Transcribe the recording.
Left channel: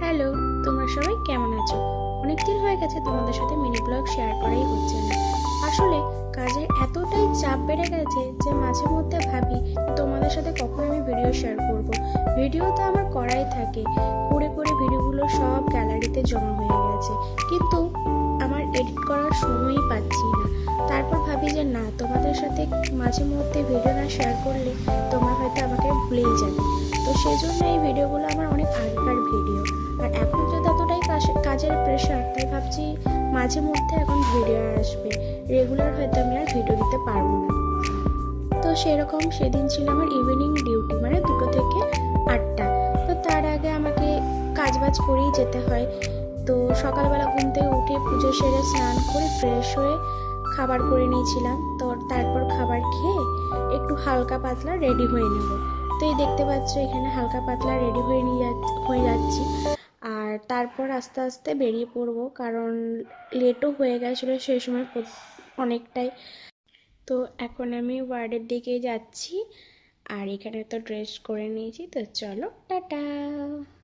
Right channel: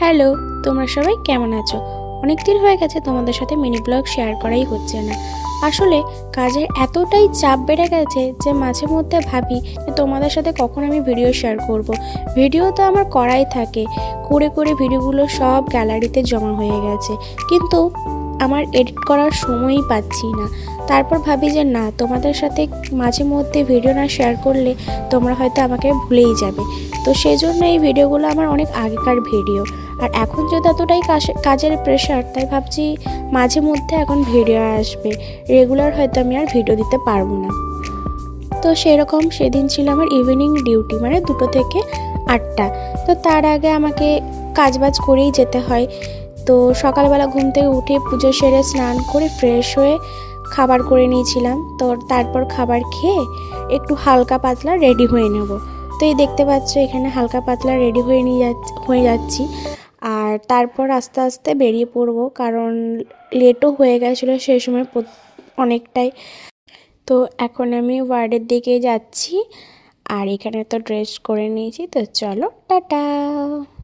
Hello, তোমরা সবাই কেমন আছো? অনেক দিন হয়ে গেছে তোমাদের সাথে মিনি ব্লগ শেয়ার করাই হচ্ছে না। আসলে কাজের এতটাই চাপ বেড়ে গেছে যে মাঝে মধ্যে ভাবি যে তোমাদের সাথে কখন আমি ভিডিও শেয়ার করব। ভিডিও তো আমার করাই থাকে, করে করে ভিডিওগুলো সব গ্যালারিতে জমা হয়ে গেছে, কিন্তু আমার এডিট করার সময়ই পাচ্ছি না। তারপর ভাবি যে না, তোমাদের সাথে মাঝে মধ্যে ভিডিও না শেয়ার করলে তোমরা হয়তো আমাকে ভুলেই যাবে। তো সেই জন্য এই ভিডিওগুলো আমার অনেক আগেকার ভিডিও। আর এখন যদি এতটাই কাজের প্রেশার, তাই ভাবছি মাঝে মধ্যে এখন ভিডিও আসবে, রেগুলার হয়তো আমি আর ভিডিও দিতে পারবো না। তো সেরকম সেদিন ছিল আমার ইভিনিং ডিউটি, মানে 2টো থেকে 8টা। তো তার আগে আমাকে কাজবাজ করেই যেতে হয়। তো সকালবেলা ঘুম থেকে উঠে পুজো সেরে স্নান করে ফ্রেশ হয়ে খাবার করে নিয়েছিলাম। তো তারপর খাবার খেয়ে একটু হালকা পাতলা রেডি হয়ে নেব। তো এই দেখতে পাচ্ছ এখানে হালকা পাতলা রেডি হয়ে যাচ্ছি। আর তারপর আস্তে আস্তে বেরিয়ে পড়বো, কারণ লেটও হয়ে গেছিলো সেই সময় অনেকটাই। তো এখন আমি ওয়ার্ডের দিকে যাচ্ছি। আর এখানে তো ড্রেস করে নিয়েছি, তো চলো টাটা।